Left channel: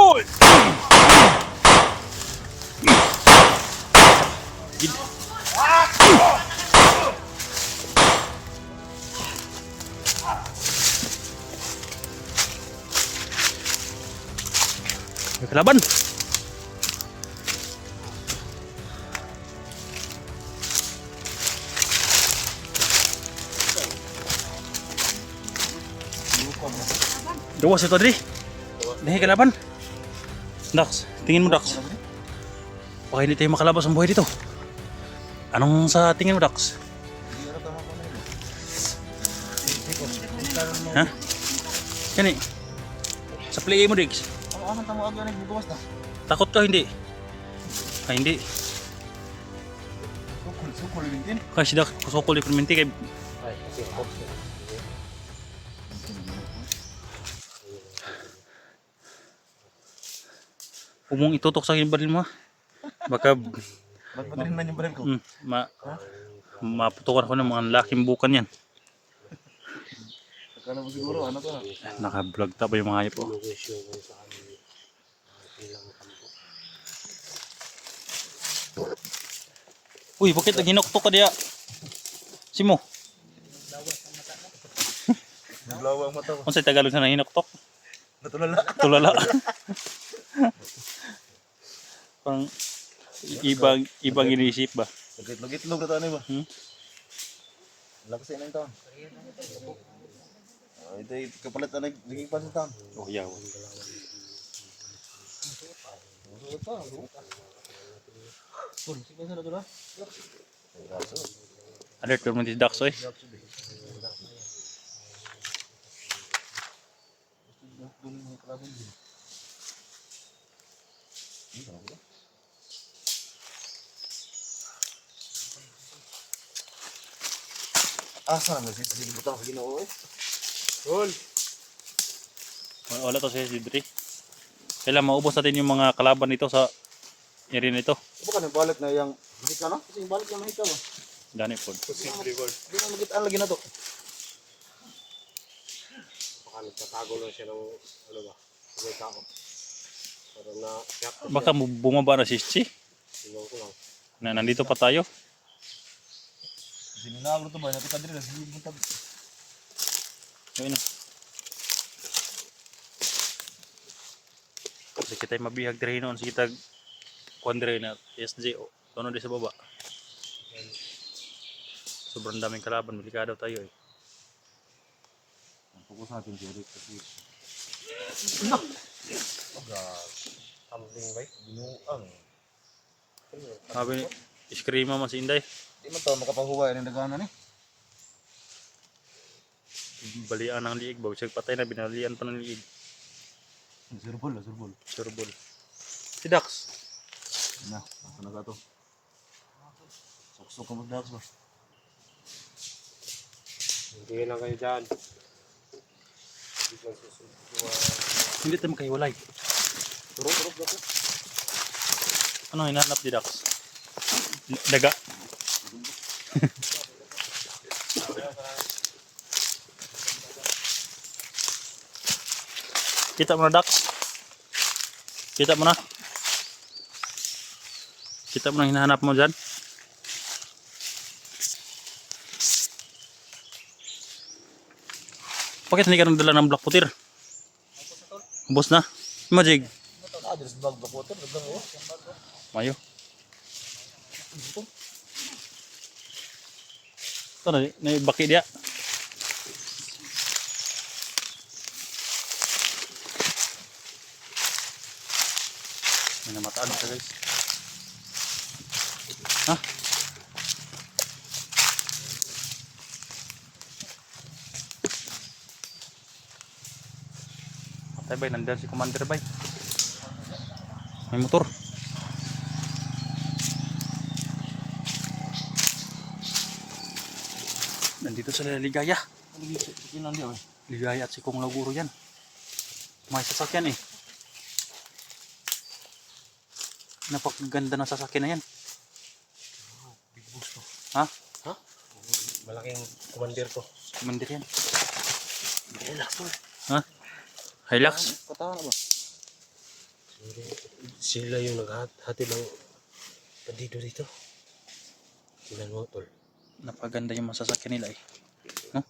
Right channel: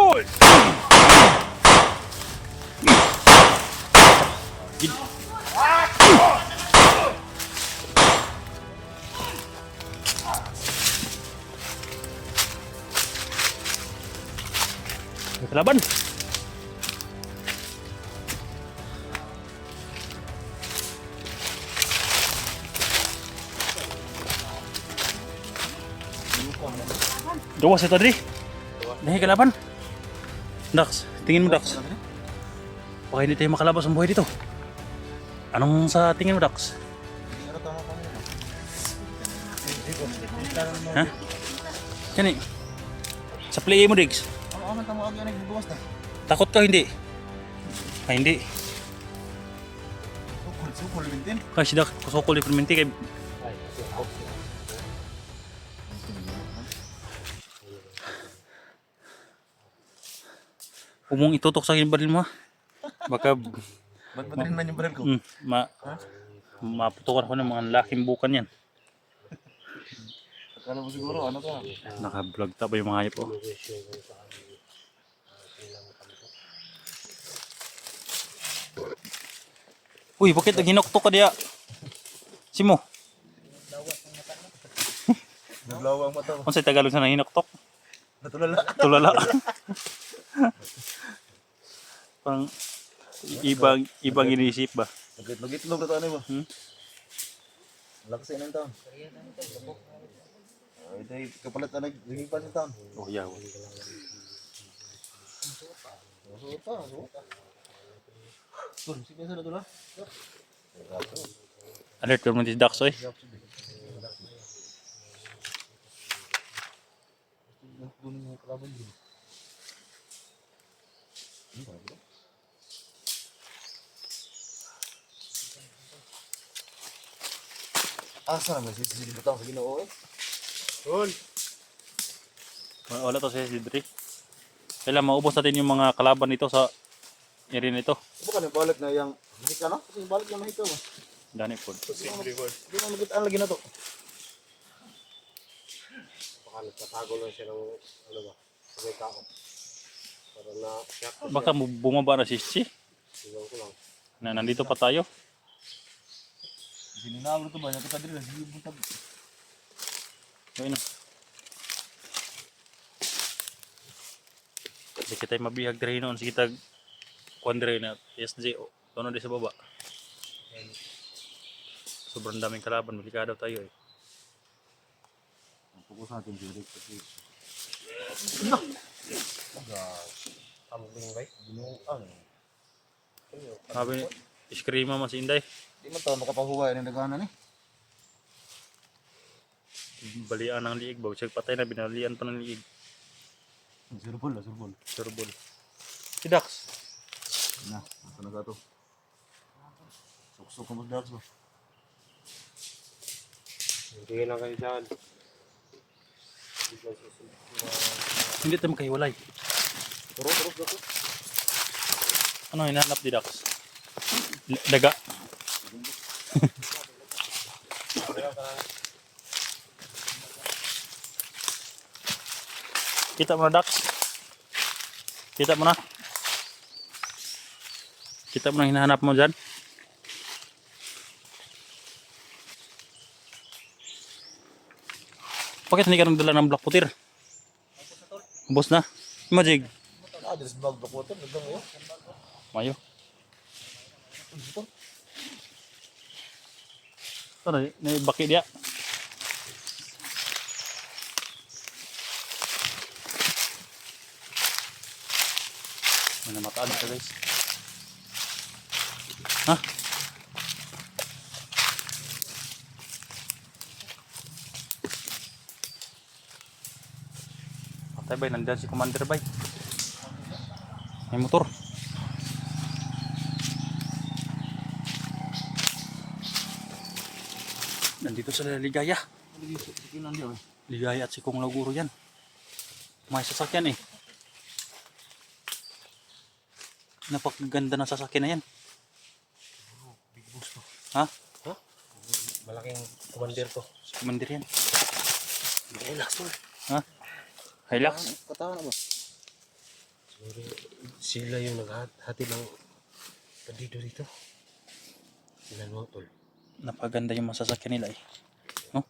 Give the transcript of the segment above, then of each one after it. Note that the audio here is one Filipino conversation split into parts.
Hoy! Gid. May kalaban. Gawas ito, Adri. Dahil kalaban. Dax, tingin mo, Dax. Baka hindi tayo makalabas ang buhay dito. Anong sa tingin mo, Dax? Ha? Kani? Sa play mo, Diggs. Ano tamo agad nagbubuwas na? Takot ka, hindi? Ah, hindi. Kasi Dax, kusukol yung perminti kay... Umong itutok sa akin yung baril mo, ha? Baka... Magpadahin man yung baril ko. Maputukan ako ng mga laking bukan yan. Akala mo siguro, ano to? Naka-vlog ta ba yung mga hayop, oh? Uy, bakit naghinoktok ka diya? Simo? Naglawa ang mata ko. Kung sa Tagalog na hinoktok? Natulala. Tulala. Parang ibang inisip ba? Lugit-lugit na to ano ba? Lakas sa inang taon. Ito ay kapalit na naghipan ng taon. Oh, yaw. Sige sa natulala. Alert ka mo si Dax, eh. Asa naman si butang sa Ginoo. Hol. Wala to si Sidri. Kailan maubos natin yung mga kalaban nito sa area nito. Bukan yung balik na yung mahika no? Kasi yung balik na mahika ba? Dani po. Posible word. Di na magitaan lagi na to. Baka nagtatago lang siya ng ano ba, may kao. Para na siyak. Baka bumaba na si Chi. Tingnan ko lang. Na nandito pa tayo. Sininabro to ba? Napita din lang. Hindi mo Ayun na. Kasi kita mabihag dre noon. Sige tag kuandre na SJ. Tono di sa baba. Sobrang daming kalaban. Delikado tayo eh. Fokus natin si Rick kasi Kambing ba? binuang. Sabi ni Iskrima mas Inday. Di man to makapahuway ng daganan eh. Balian ng liig. Bago siya patay na binalian pa ng liig. Surbol. Surbol. Si Dax. Na, asa na ka to? Suksok ka mag-dax ba? Hindi lang kayo dyan. Hindi tayo magkahiwalay. Ano hinahanap di Dax? Daga. Kita mo na Dax. Kita mo na. Kita mo na hinahanap mo dyan. Bakit hindi ka nagdala ng black putir? Ubos na. Majig. Adres bag water nagdang mo. Mayo. Ito na baki dia. May namataan siya guys. Ha? Patay bay, nandiyan si Commander bay. May motor. Nandito sa Ligaya. Ligaya at si Kong Laguro yan. May sasakyan eh. Napakaganda ng sasakyan na yan. Big boss to. Ha? Ha? Malaking commander to. Commander yan. Relax to. Ha? Hilux? Katahan na ba? Sila yung naghati ng bandido dito. Sila mo tol. Napaganda yung masasakyan nila eh. No?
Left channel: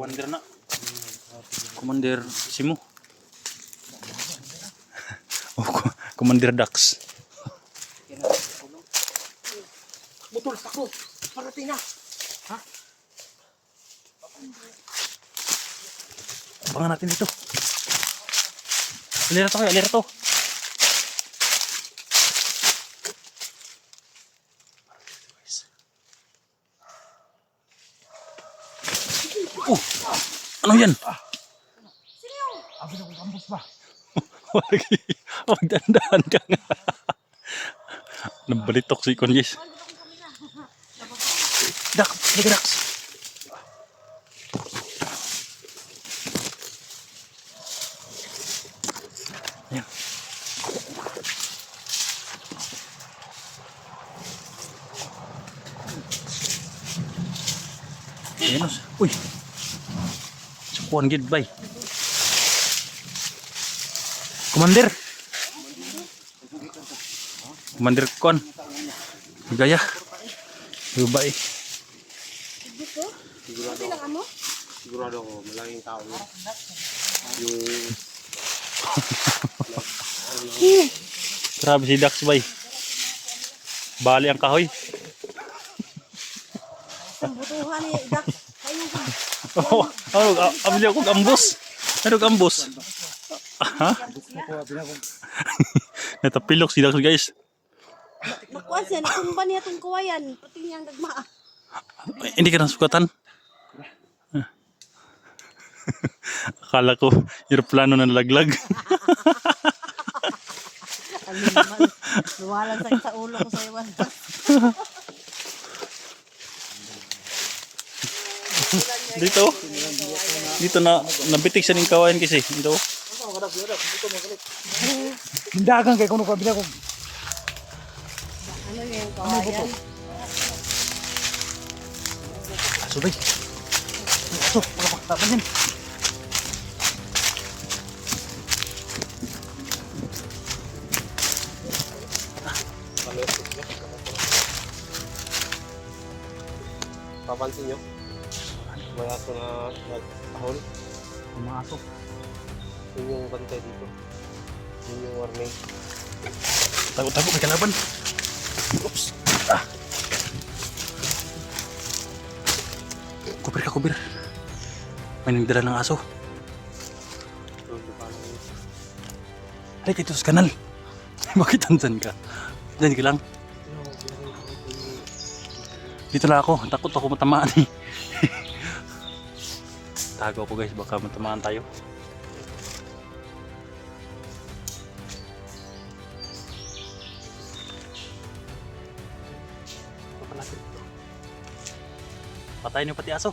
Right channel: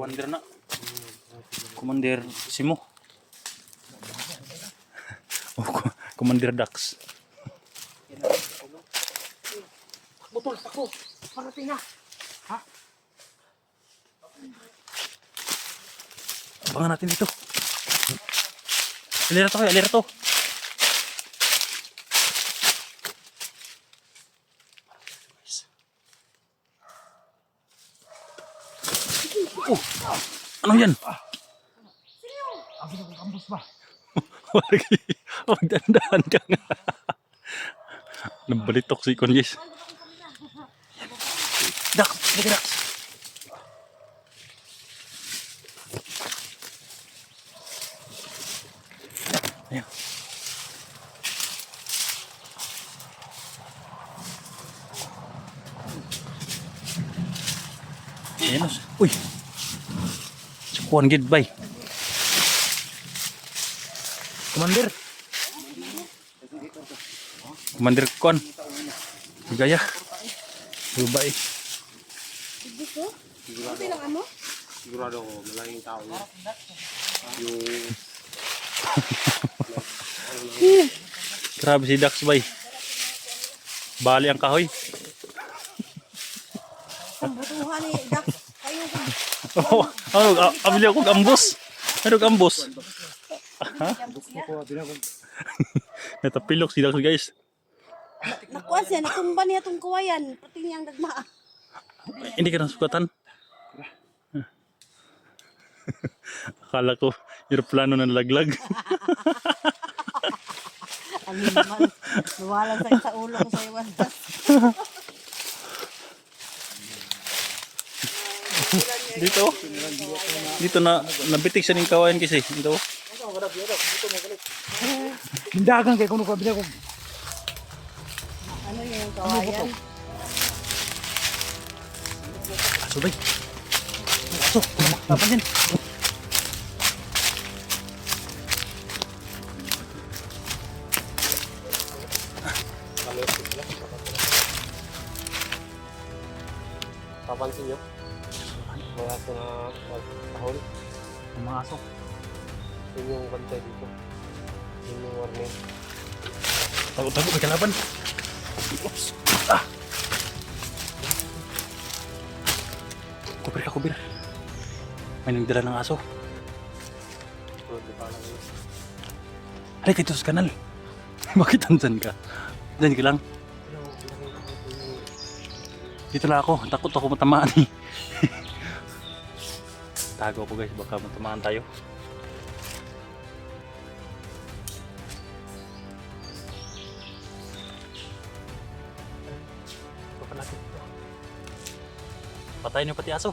Commander na. Commander Simo. Oh, Commander Dax. Botol, takbo! Parating na! Ha? Abangan natin dito. Alira to kayo, alira to. Ano yan? Abi na ko campus ba? Magdandahan ka nga. Nabalitok si Conjes. Dak, sige Dax. Ayan. Ayan. Uy. Kuhan gid bay. Commander. Commander Kuhan. Gaya. Dubai. Sigurado ako, malaking tao yun. Grabe si Dax bay. Bali ang kahoy. Oh, ambil ako gambos. Ano gambos? Ha? Natapilok si Dax guys. Nakuha siya, natumba niya itong kuwayan. Pati niyang dagma. Hindi ka nasukatan. Akala ko aeroplano na nalaglag. Luwalang sakit sa ulo ko sa iwan. Dito na nabitik siya ng kawayan kasi. Dito. Hindagan kay kuno ko abi na ko. Ano yung kawayan? Aso bay. Aso, wala makatapan yan. Papansin nyo? Mga ito na tahol. Mga aso. Yun yung ganda dito. Yun yung warning. Tago-tago may kalaban. Oops. Ah. Kubir ka, kubir. May nagdala ng aso. Hindi pa lang yun. Halika dito sa kanal. Bakit andyan ka? Diyan ka lang. Dito lang ako. Takot ako matamaan eh. Tago ako guys. Baka matamaan tayo. Patayin niyo pati aso.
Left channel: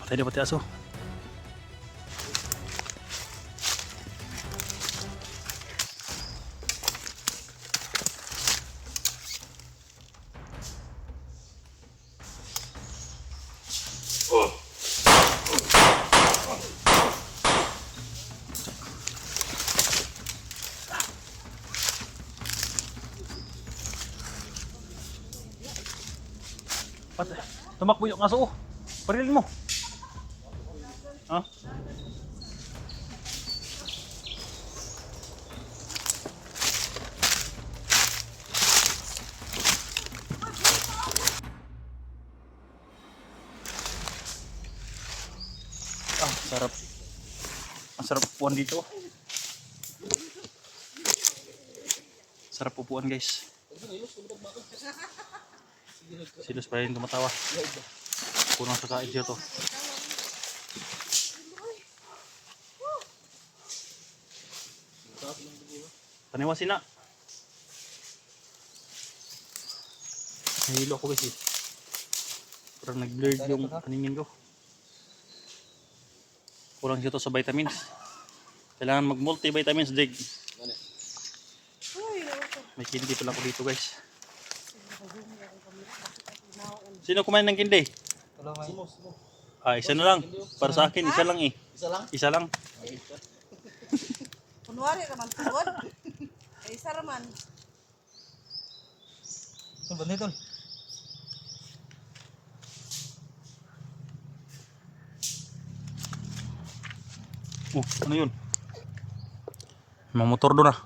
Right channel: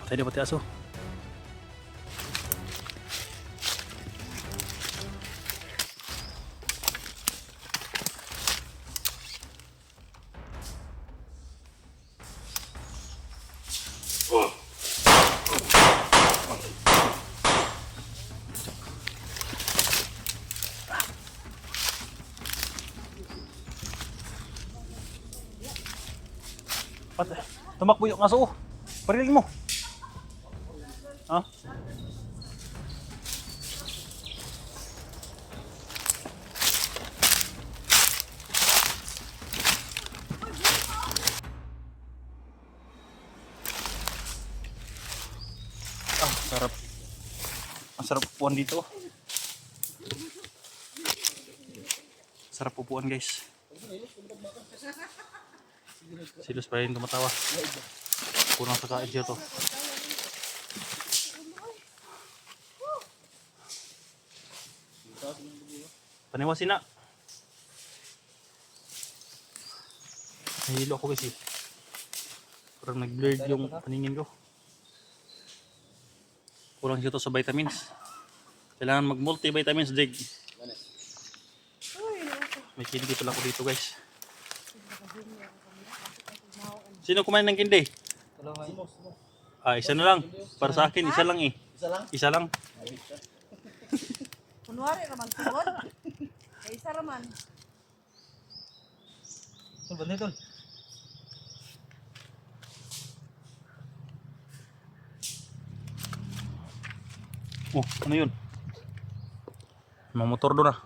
Patayin niyo pati aso. Tumakbo yung aso. Oh. Parilin mo. Ha? Ah, sarap. Ang sarap upuan dito. Sarap upuan, guys. Silos pa rin tumatawa. Kurang sa kain siya to. Paniwasin na. Nahilo ako guys eh. Parang nag-blurred yung paningin ko. Kurang siya to sa vitamins. Kailangan mag-multivitamins, Jig. May kindi pala ako dito guys. Sino kumain ng kindi? Ah, isa na lang. Para sa akin, isa lang eh. Isa lang? Kunwari naman tungod. Ay isa raman. Oh, ano yun? Mga motor doon ah.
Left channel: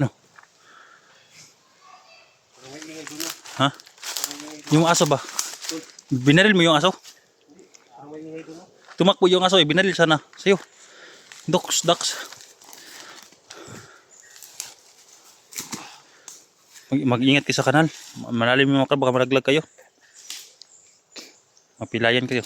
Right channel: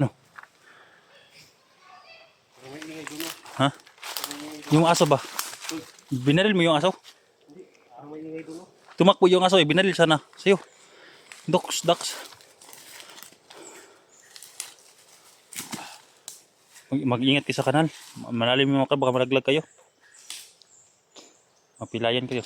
No. Ha? Yung aso ba? Binaril mo yung aso? Tumakbo yung aso eh, binaril sana. Sa'yo. Ducks. Mag-ingat kayo sa kanal. Malalim yung mga baka malaglag kayo. Mapilayan kayo.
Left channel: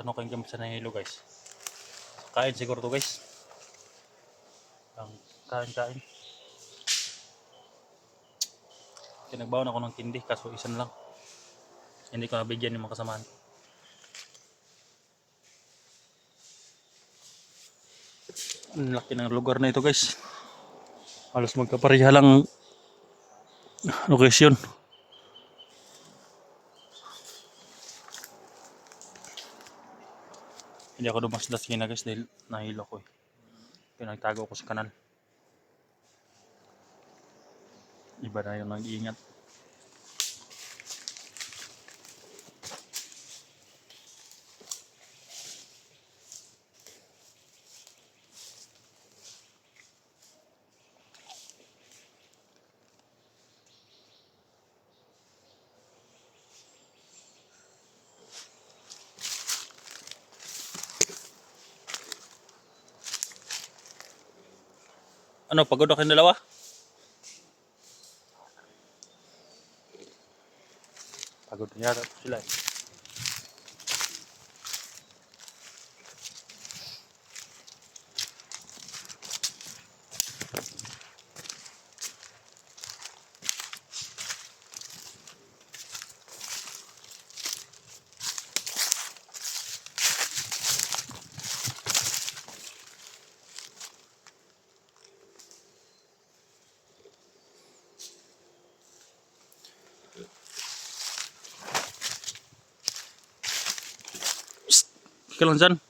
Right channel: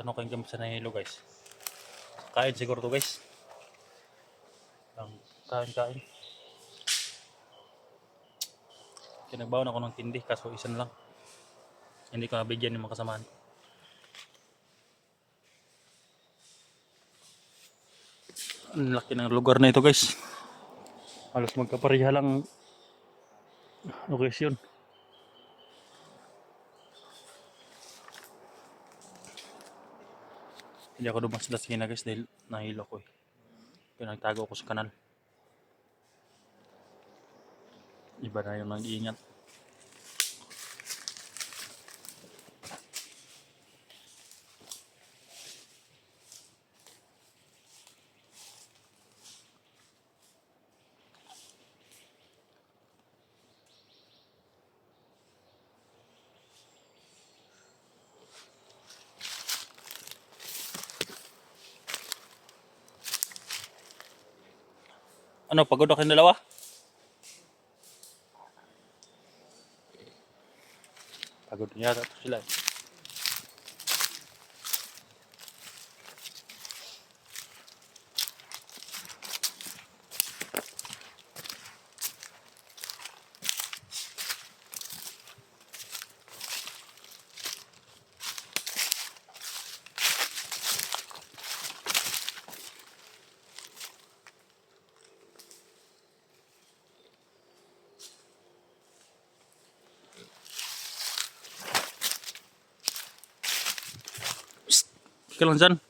Ano kayong gamit sa nahilo guys? Kain siguro to guys. Ang kain. Kinagbawan ako ng tindi kaso isa na lang. Hindi ko nabigyan yung mga kasamahan ko. Ang laki ng lugar na ito guys. Halos magkapareha lang location. Hindi ako dumasdas kina guys dahil nahilo ko eh. Pinagtago ko sa kanal. Iba na yung nag-iingat. Ano, pagod ako yung dalawa? Pagod na yata sila eh. ka lang dyan.